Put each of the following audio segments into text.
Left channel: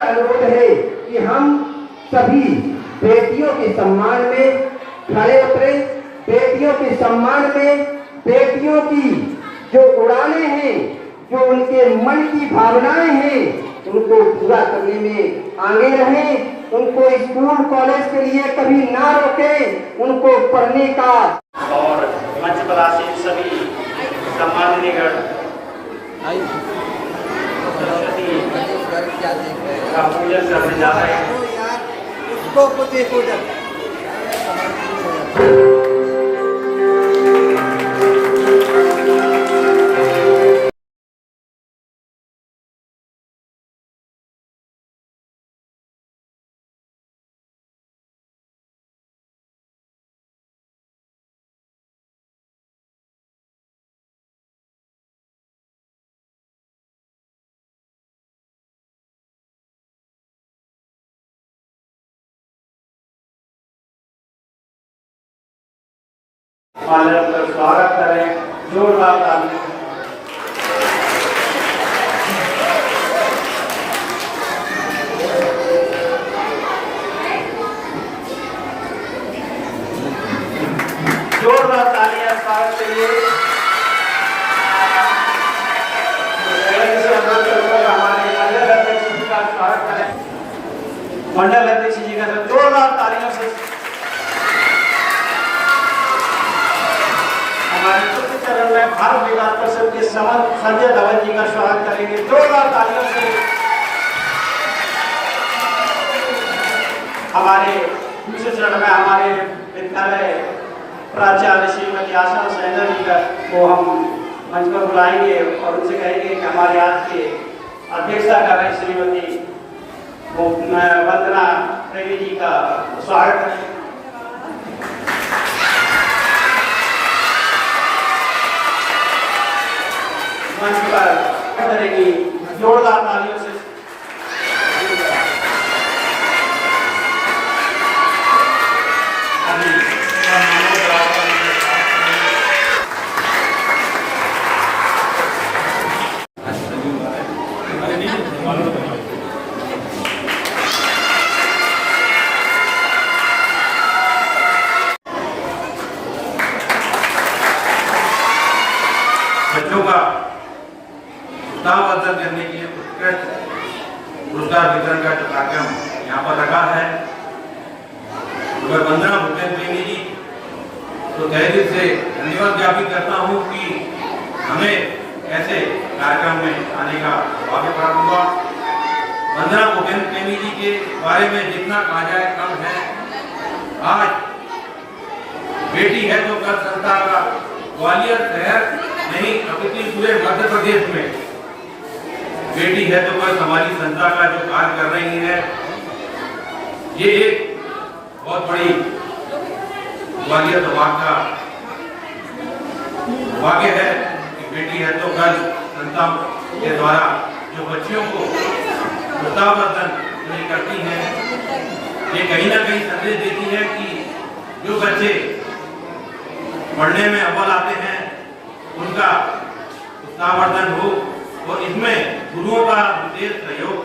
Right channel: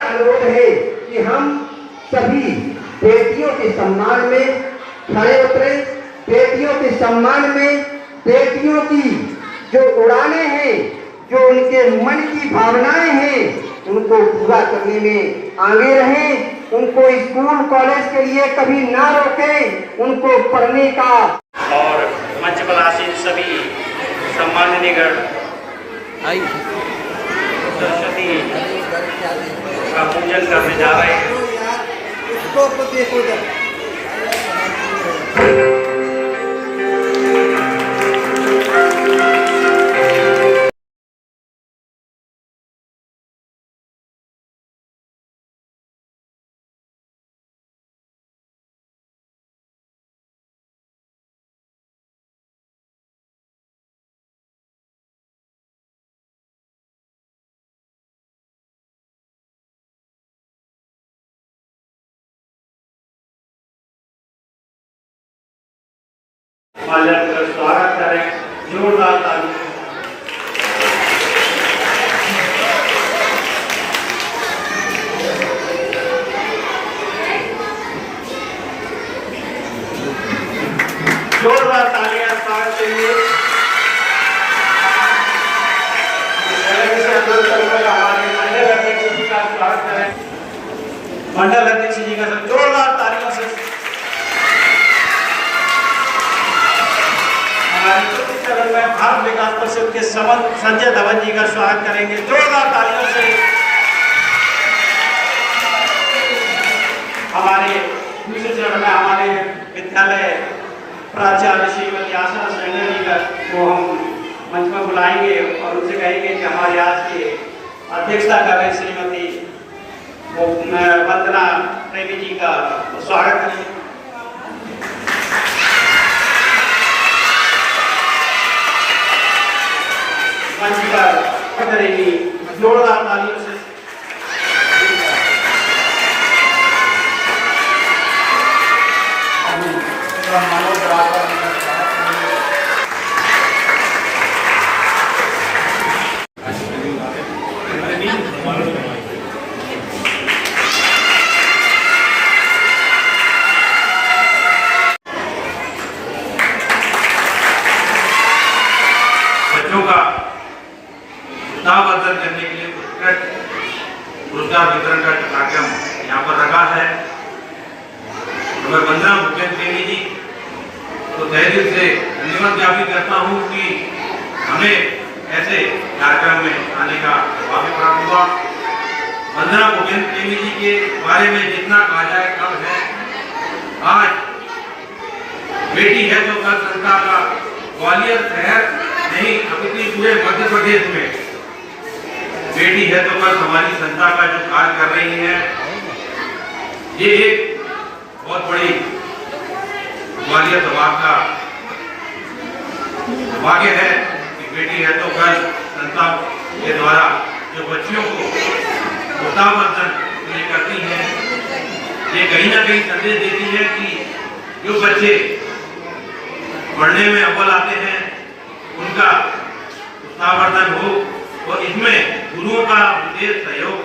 अनुरोध है कि हम सभी बेटियों के सम्मान में खड़े उतरे, बेटियों के सम्मान में बेटियों की जो उड़ाने हैं, जो उनके मन की भावनाएं हैं, उनको पूरा करने में आगे रहें, उनको स्कूल कॉलेज के लिए कभी ना रोकें, उनको पढ़ने का। और मंच पर आसीन सभी सम्माननीय सरस्वती का पूजन करने जा रहे हैं। स्वागत करें जोरदार ताली। जोरदार तालियां स्वागत के लिए। हमारे मंडल अध्यक्ष जी का स्वागत करें। मंडल अध्यक्ष जी का जोरदार तालियों से चरण में भारत विकास परिषद के संजय धवन जी का स्वागत करेंगे जोरदार तालियों से। हमारे दूसरे चरण में हमारे विद्यालय प्राचार्य श्रीमती आशा सैना जी का को हम मंच पर बुलाएंगे और उनसे कहेंगे कि हमारे आज के अध्यक्षता कर रहे श्रीमती वंदना प्रेमी जी का स्वागत करेंगे। मंच पर करेगी जोरदार तालियों से। बच्चों का उत्साहवर्धन करने के लिए पुरस्कार वितरण का कार्यक्रम यहाँ पर रखा है। मैं वंदना प्रेमी जी तो तहे दिल से धन्यवाद ज्ञापित करता हूँ कि हमें ऐसे कार्यक्रम में आने का भाग्य प्राप्त हुआ। वंदना प्रेमी जी के बारे में जितना कहा जाए कम है। आज बेटी है तो कल संस्था का ग्वालियर शहर नहीं अपितु पूरे मध्य प्रदेश में बेटी है तो बस हमारी संस्था का जो कार्य कर रही है, ये एक बहुत बड़ी ग्वालियर विभाग का भाग्य है कि बेटी है तो बस संस्था के द्वारा जो बच्चियों को उत्साहवर्धन करती है, ये कहीं ना कहीं संदेश देती है कि जो बच्चे पढ़ने में अव्वल आते हैं उनका उत्साहवर्धन हो। और इसमें गुरुओं का विशेष सहयोग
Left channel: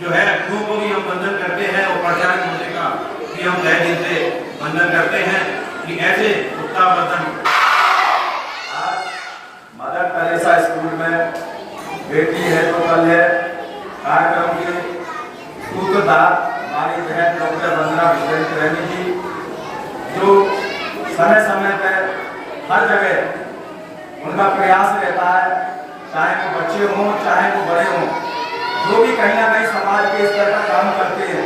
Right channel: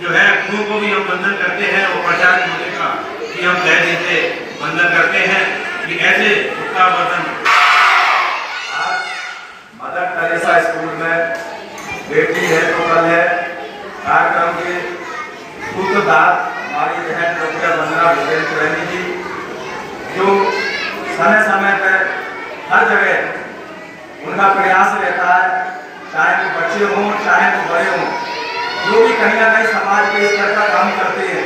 जो है, गुरुओं को भी हम वंदन करते हैं और प्रचारक होने का भी हम तहे दिल से वंदन करते हैं कि ऐसे उत्साहवर्धन। आज मदर टेरेसा स्कूल में बेटी है तो कल है कार्यक्रम के सूत्रधार हमारी बहन डॉक्टर वंदना प्रेमी जी, जो समय समय पर हर जगह उनका प्रयास रहता है, चाहे वो बच्चे हों चाहे वो बड़े हों, जो भी कहीं ना कहीं समाज के इस तरह का काम करते हैं,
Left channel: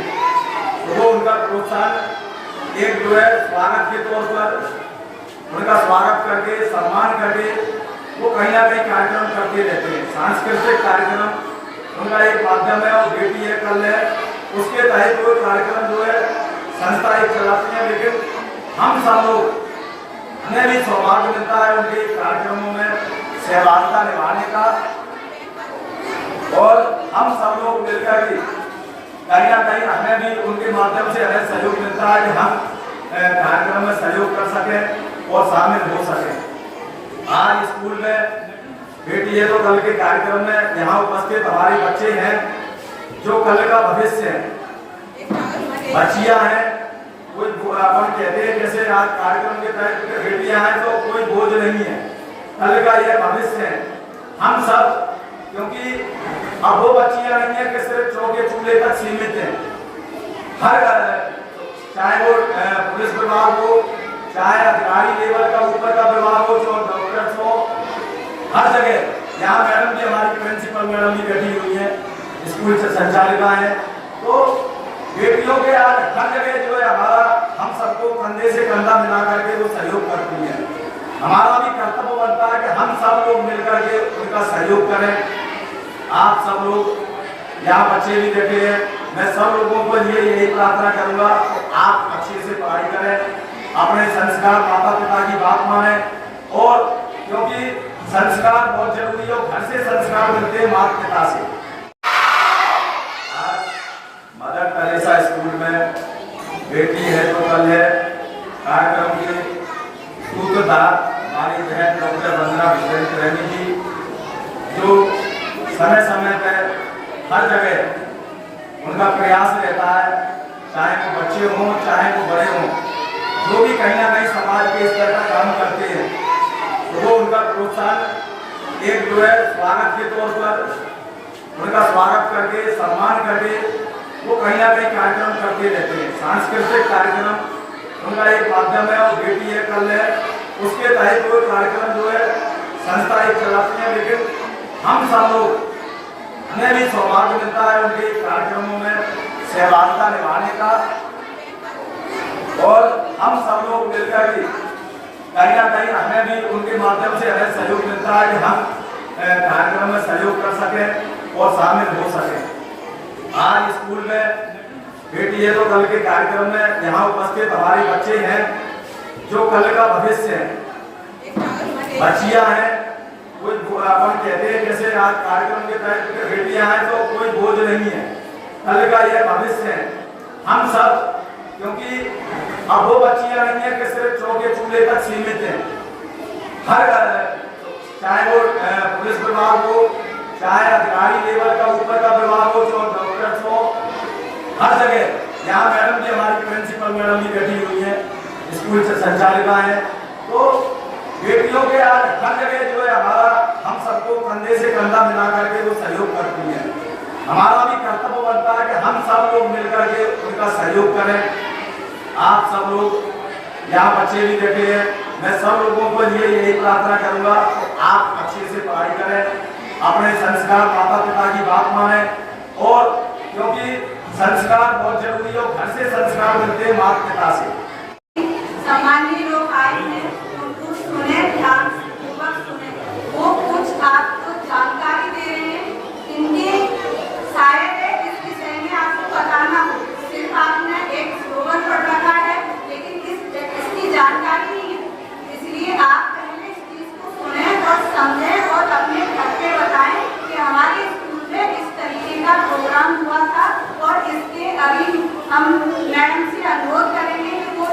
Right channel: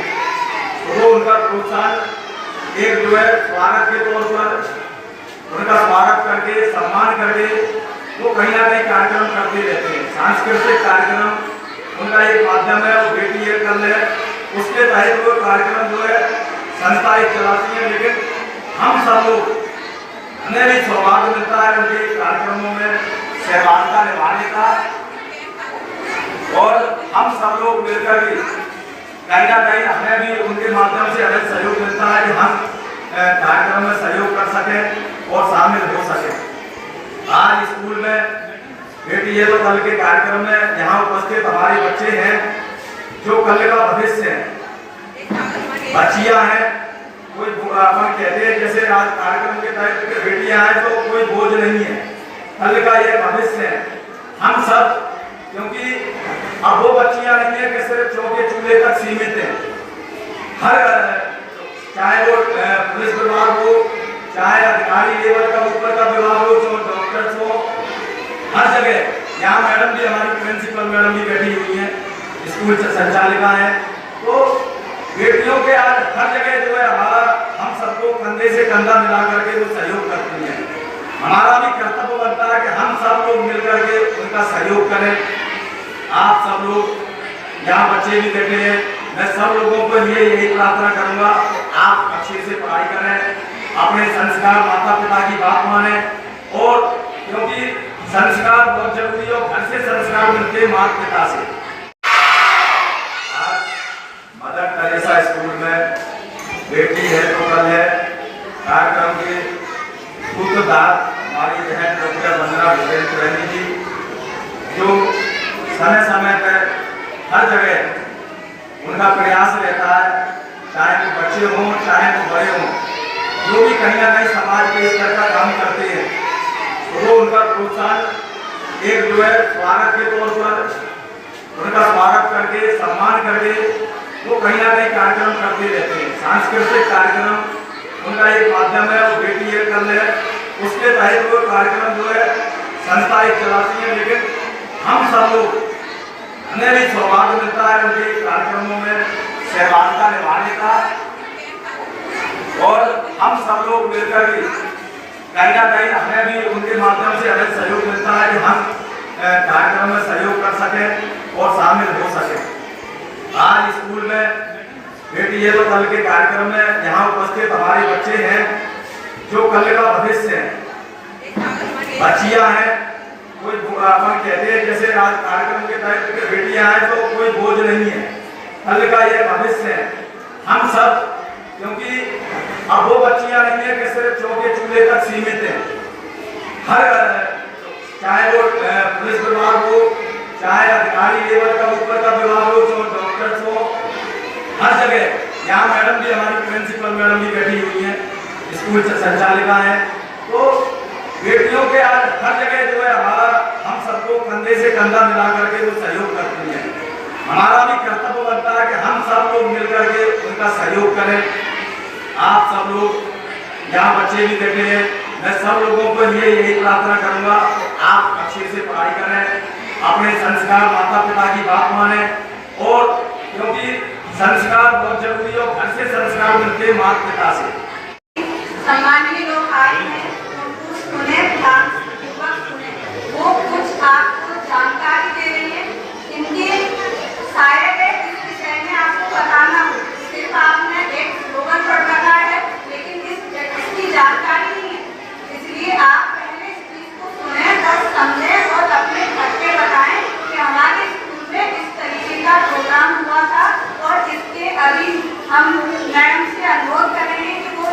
वो उनका प्रोत्साहन एक जो है स्वागत के तौर पर उनका स्वागत करके सम्मान करके वो कहीं ना कहीं कार्यक्रम करते रहते हैं। सांस्कृतिक कार्यक्रम उनका एक माध्यम है, वो बेटी है कल है, उसके तहत वो कार्यक्रम जो है संस्थाएं चलाती हैं। लेकिन हम सब लोग हमें भी सौभाग्य मिलता है उनके कार्यक्रमों में सहभागिता निभाने का, और हम सब लोग मिलकर भी कहीं ना कहीं हमें भी उनके माध्यम से अलग सहयोग मिलता है कि हम कार्यक्रम में सहयोग कर सकें और शामिल हो सकें। आज स्कूल में बेटी है तो कल के कार्यक्रम में यहाँ उपस्थित हमारे बच्चे हैं, जो कल का भविष्य है, बच्चियां हैं, कोई अपन कहते हैं जैसे आज कार्यक्रम के तहत बेटियां हैं तो कोई बोझ नहीं है, कल का ये भविष्य है। हम सब, क्योंकि अब वो बच्चियां नहीं है कि सिर्फ चौके चूल्हे तक सीमित है। हर चाहे वो पुलिस विभाग हो, चाहे अधिकारी लेवल का ऊपर का विभाग हो, चाहे डॉक्टर्स हो, हर जगह। यहाँ मैडम भी, हमारी प्रिंसिपल मैडम भी बैठी हुई है, स्कूल संचालिका है। तो बेटियों के आज हर जगह जो है हमारा, हम सबको कंधे से कंधा मिला करके वो सहयोग करती हैं। हमारा भी कर्तव्य बनता है कि हम सब लोग मिलकर के उनका सहयोग करें। आप सब लोग यहाँ बच्चे भी बैठे हैं, मैं सब लोगों को लिए यही प्रार्थना करूंगा, आप अच्छे से पढ़ाई करें, अपने संस्कार माता पिता की बात माने, और क्योंकि संस्कार बहुत जरूरी है, घर से संस्कार मिलते हैं माता पिता से। आज मदर टेरेसा स्कूल में बेटी है तो कल है कार्यक्रम के सूत्रधार हमारी बहन डॉक्टर वंदना विश्वेश्वरैनी जी, जो समय समय पर हर जगह उनका प्रयास रहता है, चाहे वो बच्चे हों चाहे वो बड़े हों, जो भी कहीं ना कहीं समाज के इस तरह का काम करते हैं, तो वो उनका प्रोत्साहन एक जो है स्वागत के तौर पर उनका स्वागत करके, सम्मान करके वो कहीं ना कहीं कार्यक्रम करते रहते हैं। सांस्कृतिक कार्यक्रम उनका एक माध्यम है, बेटी है कल है, उसके तहत वो कार्यक्रम जो है संस्था एक चलाती है। लेकिन हम सब लोग, हमें भी सौभाग्य मिलता है उनके कार्यक्रमों में सहभागिता निभाने का, और हम सब लोग मिलकर के कहीं ना कहीं हमें भी उनके माध्यम से हमें सहयोग मिलता है कि हम कार्यक्रम में सहयोग कर सकें और शामिल हो सकें। आज स्कूल में बेटी है तो कल के कार्यक्रम में यहाँ उपस्थित हमारे बच्चे हैं, जो कल का भविष्य है, बच्चियां हैं, कोई अपन कहते हैं जैसे आज कार्यक्रम के तहत बेटियां हैं तो कोई बोझ नहीं है, कल का ये भविष्य है। हम सब, क्योंकि अब वो बच्चियां नहीं है कि सिर्फ चौके चूल्हे तक सीमित है। हर चाहे वो पुलिस विभाग हो, चाहे अधिकारी लेवल का ऊपर का विभाग हो, चाहे डॉक्टर्स हो, हर जगह। यहाँ मैडम भी, हमारी प्रिंसिपल मैडम भी बैठी हुई है, स्कूल संचालिका है। तो बेटियों के आज हर जगह जो है हमारा, हम सबको कंधे से कंधा मिला करके वो सहयोग करती हैं। हमारा भी कर्तव्य बनता है कि हम सब लोग मिलकर के उनका सहयोग करें। आप सब लोग यहाँ बच्चे भी बैठे हैं, मैं सब लोगों को लिए यही प्रार्थना करूंगा, आप अच्छे से पढ़ाई करें, अपने संस्कार माता पिता की बात माने, और क्योंकि संस्कार बहुत जरूरी है, घर से संस्कार मिलते हैं माता पिता से। सम्मानीय लोग आए हैं, उनको सुने, ध्यान पूर्वक सुने। वो कुछ आपको जानकारी दे रहे हैं, इनके शायद इस विषय में आपको बताना हो, सिर्फ आपने एक स्लोगन पढ़ रखा है, लेकिन इसकी जानकारी नहीं है, इसलिए आप पहले इस चीज को सुने और समझें और अपने घर के बताएं कि हमारे स्कूल में इस तरीके का प्रोग्राम हुआ था, और इसके अभी हम मैडम से अनुरोध करेंगे कि वो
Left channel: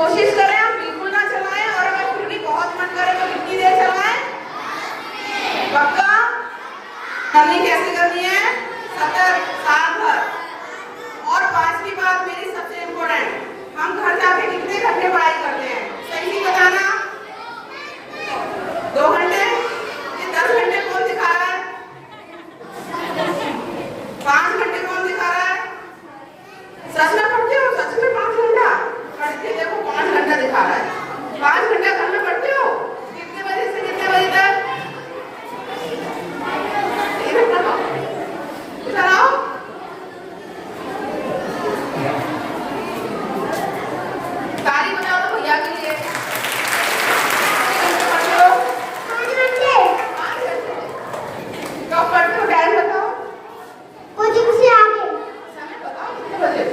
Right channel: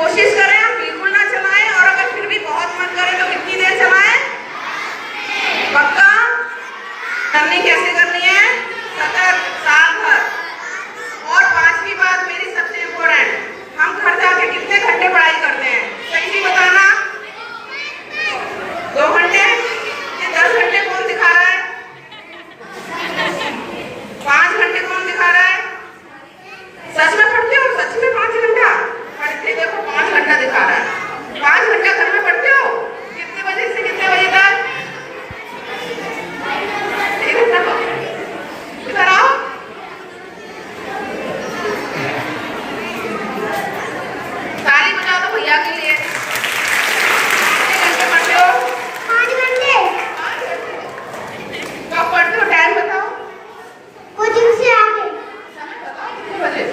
कोशिश करें हम बिल्कुल ना चलाएं, और अगर फिर भी बहुत मन करे तो कितनी देर चलाएं? पक्का? रनिंग कैसे करनी है? सतत, साल भर। और पांचवी बात मेरी सबसे इम्पोर्टेंट, हम घर जाके कितने घंटे पढ़ाई करते हैं? सही नहीं बताना। 2 घंटे? ये 10 घंटे कौन दिखा रहा है? 5 घंटे कौन दिखा रहा है? सच में पढ़ते हो? सच में 5 घंटा पढ़ते? देखो 5 घंटा दिखा रहा है। 5 घंटा घर में पढ़ते हो? कितने बजे से कितने बजे तक? 1 घंटा इधर आओ। ताली बजाओ तो भैया के लिए। कितने घंटे पढ़ते हो? 5 घंटे। कब पढ़ते हो? टाइम बताओ। कोचिंग से आके। समय बताओ कितने बजे?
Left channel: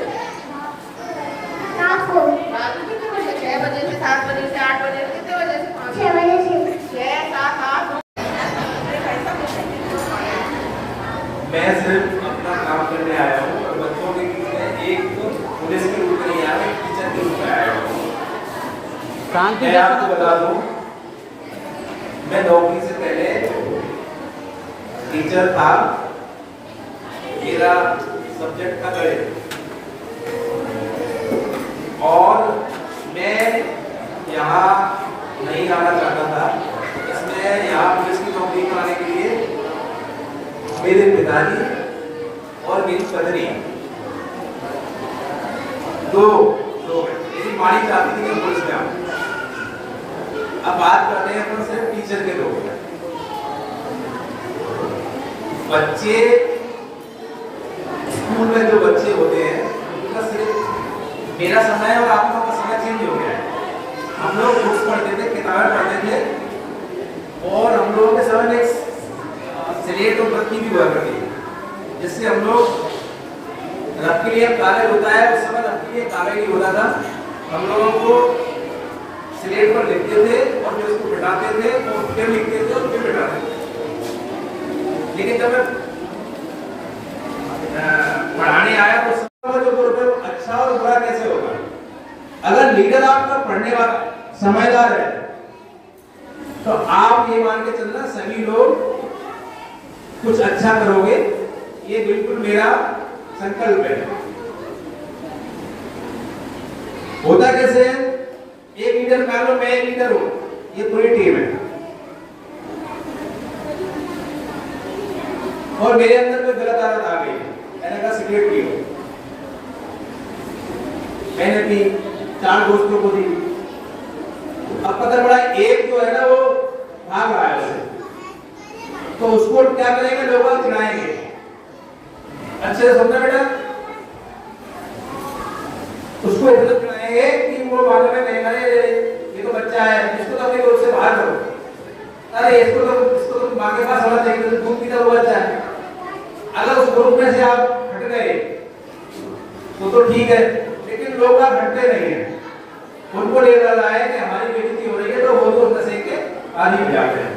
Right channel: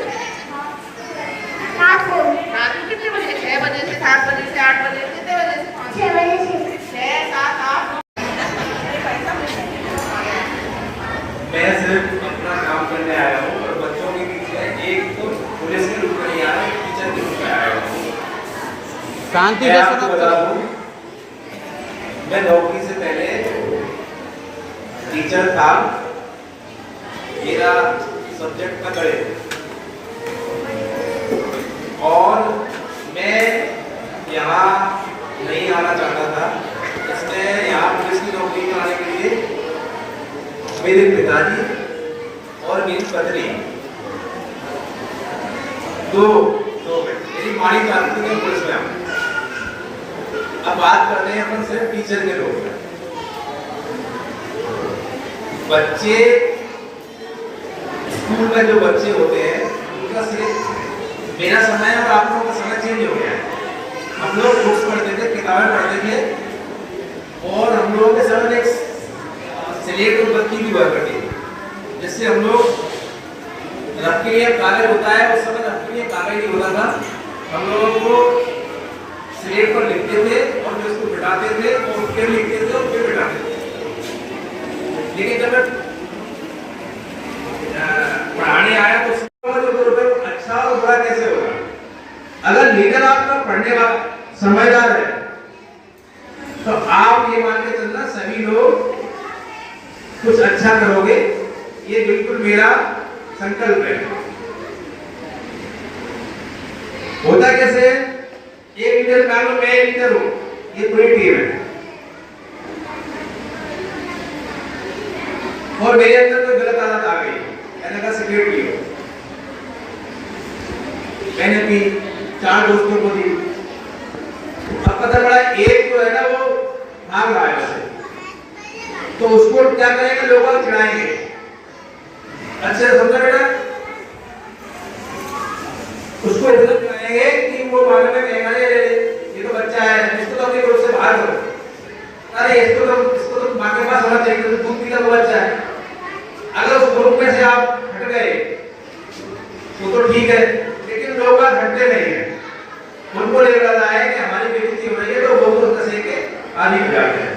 रात को कितने बजे? 6 बजे से 7 बजे से 8 बजे? कितने बजे से? 6 बजे से 6, 7, 8। मैं सिर्फ अपना काम करने आया हूँ और बच्चों के बीच में एक तो पुलिस के रूप में नहीं आया, टीचर के रूप में आया हूँ। शांति मैं से आपको बता दूँ, मैं नौकरी से पहले टीचर था। मेरा सब्जेक्ट था गणित और मैं यहाँ नहीं आना चाहता था। इसमें यहाँ पुलिस की नौकरी पाने के लिए मेरे पिताजी और मेरी पत्नी दो मेरी मानी चाहती थी कि पुलिस में आऊं। अब बात करते हैं अपन सिर्फ टीचर के रोल में। बच्चे स्कूल में जो बच्चे होते हैं उनका सिर्फ मेरा समय और आप लोगों का समय चेंज हो गया है। हम लोग बुक्स पढ़ते थे, किताबें पढ़ते थे और हम लोगों के समय में स्लेट और बत्ती भी हुआ करती थी, जिससे हम लोग रख के लिए कागज होता है, उस समय रख के लिए कागज नहीं होता था। हम लोगों को स्लेट पर लिखते थे और फिर उसको मिटाते थे और फिर लिखते थे और फिर मिटाते थे। लेकिन जब पढ़ाने आया तो जो अच्छा और बुरा कैसे होगा? अगर लीडर आपका पढ़ने वाला समझदार है तो आप ये मान के चलना सभी लोग कुछ अच्छा करोगे, ये बिल्कुल मेरा संकल्प है। होता कैसे? एक लीडर मान लो मैं लीडर हूं, ये पूरी टीम है और मेरे अंदर कोई गलत आदत आ गई, मैंने कहा सिगरेट पियो, मैंने पी, 4 दोस्तों को दी। अब पता चला एक जो है ना वो भाग रहा है वैसे, तो उसको क्या करेंगे? लोग चिढ़ाएंगे। अच्छे से समझा बेटा? उसको इतना चिढ़ाएंगे कि वो बारे में कहेगा ये तो बच्चा है, इसको तो अपने ग्रुप से बाहर करो। अरे इसको तो माँ के पास होना चाहिए, तो दूध पीता वो बच्चा है। अगर उस ग्रुप में से आप हट गए तो ठीक है, लेकिन लोग हटते नहीं है। उनको ले रहा है कि हमारी बेइज्जती हो रही है तो वो तो नशे के आदी हो जाते हैं।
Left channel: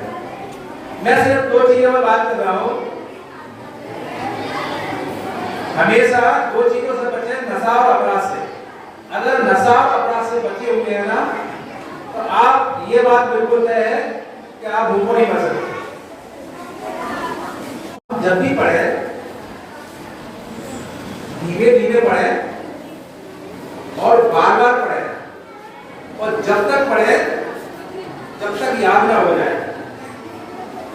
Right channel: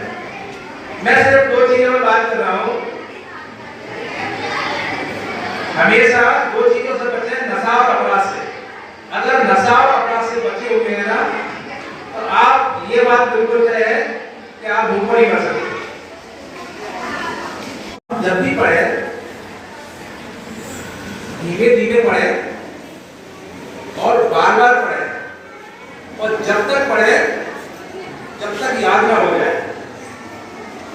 मैं सिर्फ 2 चीजों में बात कर रहा हूं। हमेशा 2 चीजों से बचें, नशा और अपराध से। अगर नशा और अपराध से बचे हुए हैं ना तो आप ये बात बिल्कुल तय है कि आप भूखों नहीं कर सकते। जब भी पढ़े धीरे धीरे पढ़े और बार बार पढ़े और जब तक पढ़े जब तक याद ना हो जाए,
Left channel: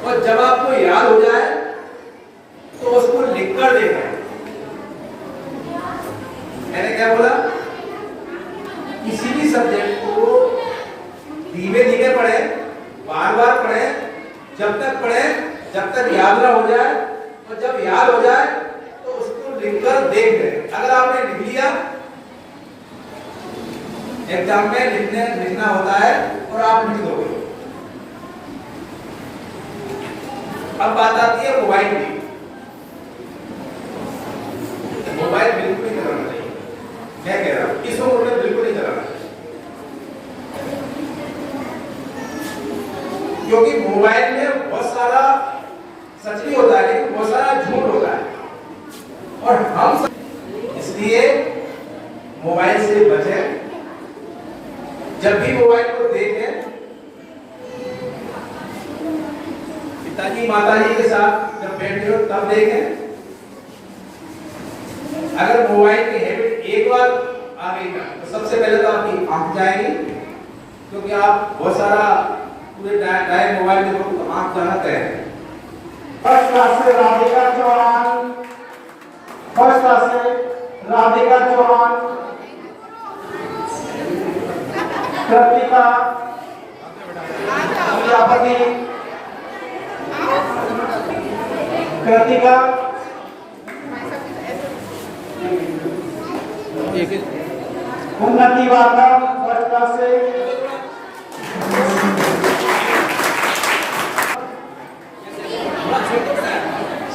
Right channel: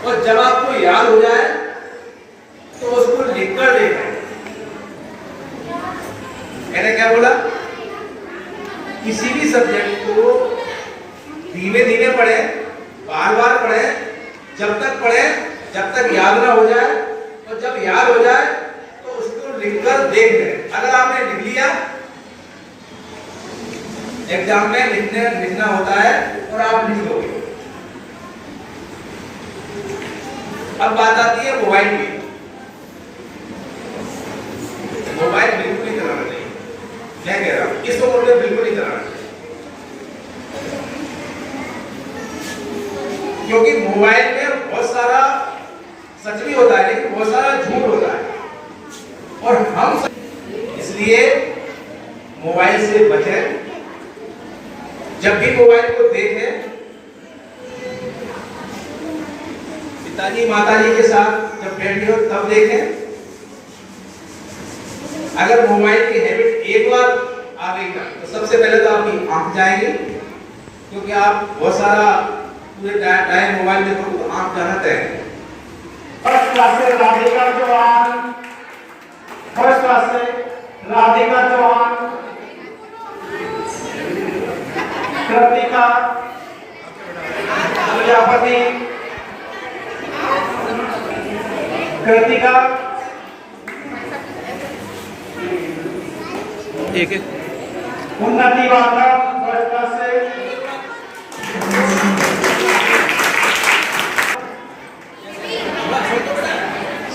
और जब आपको याद हो जाए तो उसको लिखकर देखें। मैंने क्या बोला? किसी भी सब्जेक्ट को धीरे धीरे पढ़े, बार बार पढ़े, जब तक याद ना हो जाए, और जब याद हो जाए तो उसको लिखकर देख लें। अगर आपने लिख लिया, एग्जाम में लिखना होता है और आप लिख दोगे। अब बात आती है मोबाइल की। मोबाइल बिल्कुल नहीं चलाना चाहिए, मैं कह रहा हूं इस उम्र में बिल्कुल नहीं चलाना चाहिए, क्योंकि मोबाइल में बहुत सारा सच भी होता है लेकिन बहुत सारा झूठ होता है, और हम इसलिए मोबाइल से बचें। जब भी मोबाइल को देखें, पिताजी माताजी के साथ जब बैठे हो तब देखें। अगर मोबाइल की हैबिट एक बार आ गई तो सबसे पहले तो आपकी आंख जाएगी, क्योंकि आप बहुत सारा पूरे टाइम मोबाइल देखो तो आंख जाना तय है। फर्स्ट क्लास से राधिका चौहान, फर्स्ट क्लास से राधिका चौहान, कृतिका प्रजापति, कृतिका उन्नति वाला फर्स्ट क्लास से,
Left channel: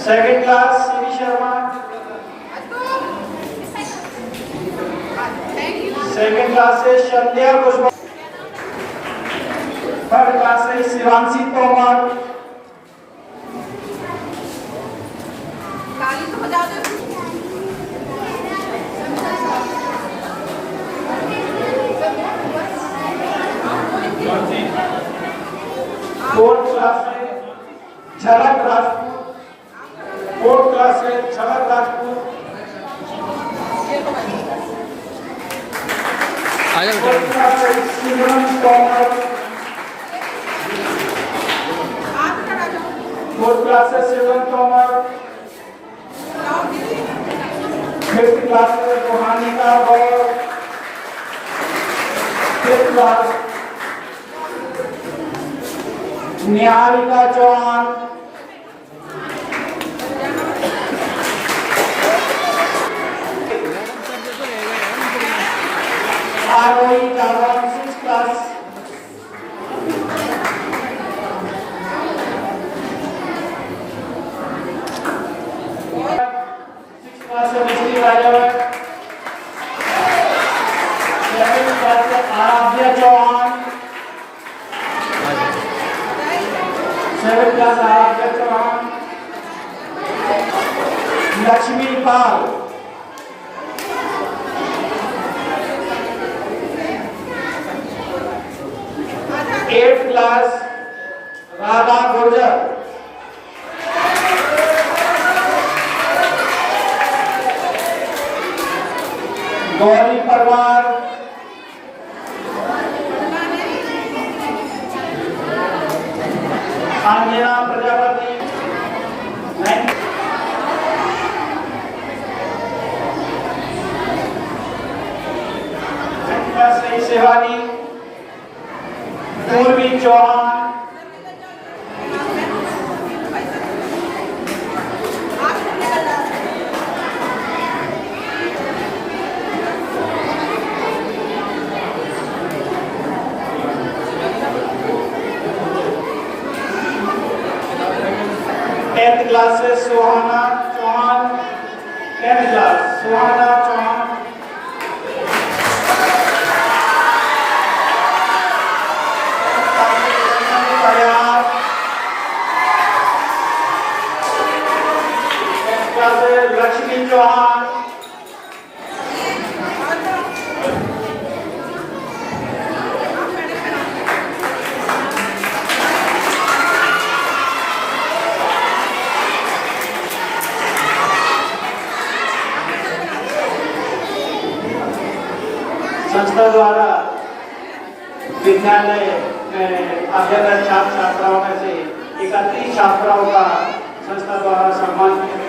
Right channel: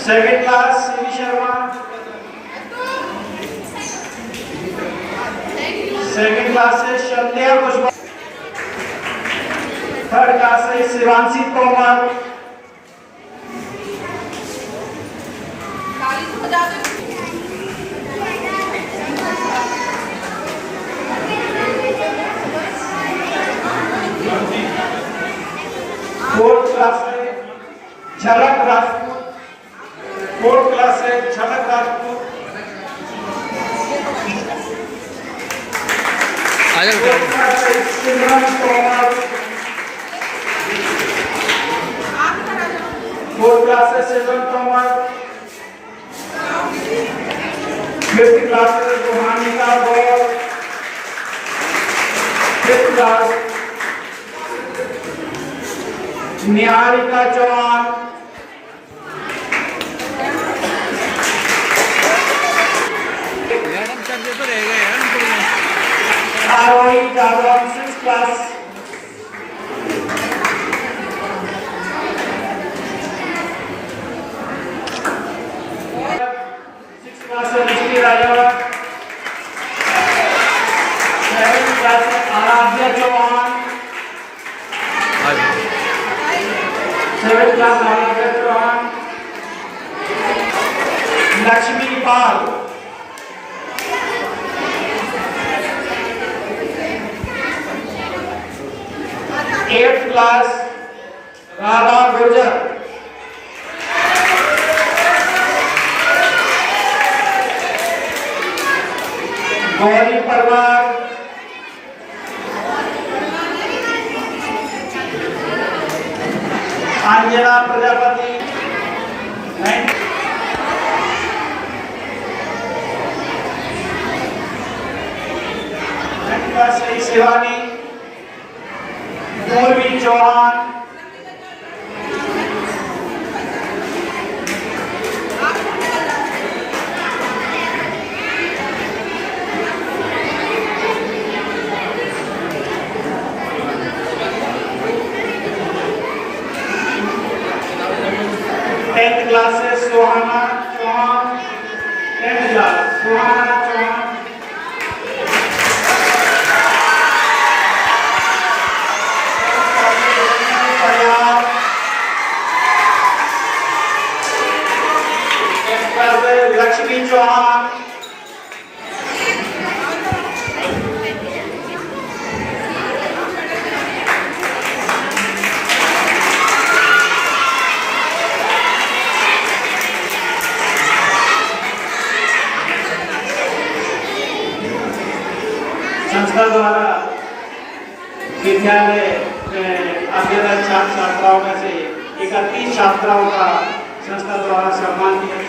second class CV Sharma, second class से संध्या कुशवाहा, थर्ड क्लास से शिवांशी तोमर, फोर्थ क्लास से झलक राजपूत, फोर्थ क्लास से झलक राजपूत, फोर्थ क्लास से सिमरन तोमर, फोर्थ क्लास से सिमरन तोमर, फिफ्थ क्लास से रोहानिका गौर, फिफ्थ क्लास निहारिका चौहान, आरोही जागरण सिक्स क्लास, सिक्स क्लास से मिश्री राजन, सेवेंथ क्लास से आराध्या चौहान, सेवेंथ क्लास आराध्या चौहान, लक्ष्मी पाल, एट्थ क्लास राधा गुर्जर, गौरी परवार, अंजना प्रजापति, नाइन्थ क्लास से शिवानी, पूर्वी चौहान, टेंथ क्लास से सुहाना चौहान, टेंथ क्लास सुहाना चौहान, लक्ष्मी चौहान, संस्था द्वारा विद्यालय में अध्ययनरत छात्र छात्राओं में से 31 छात्राओं का संस्था द्वारा सम्मान किया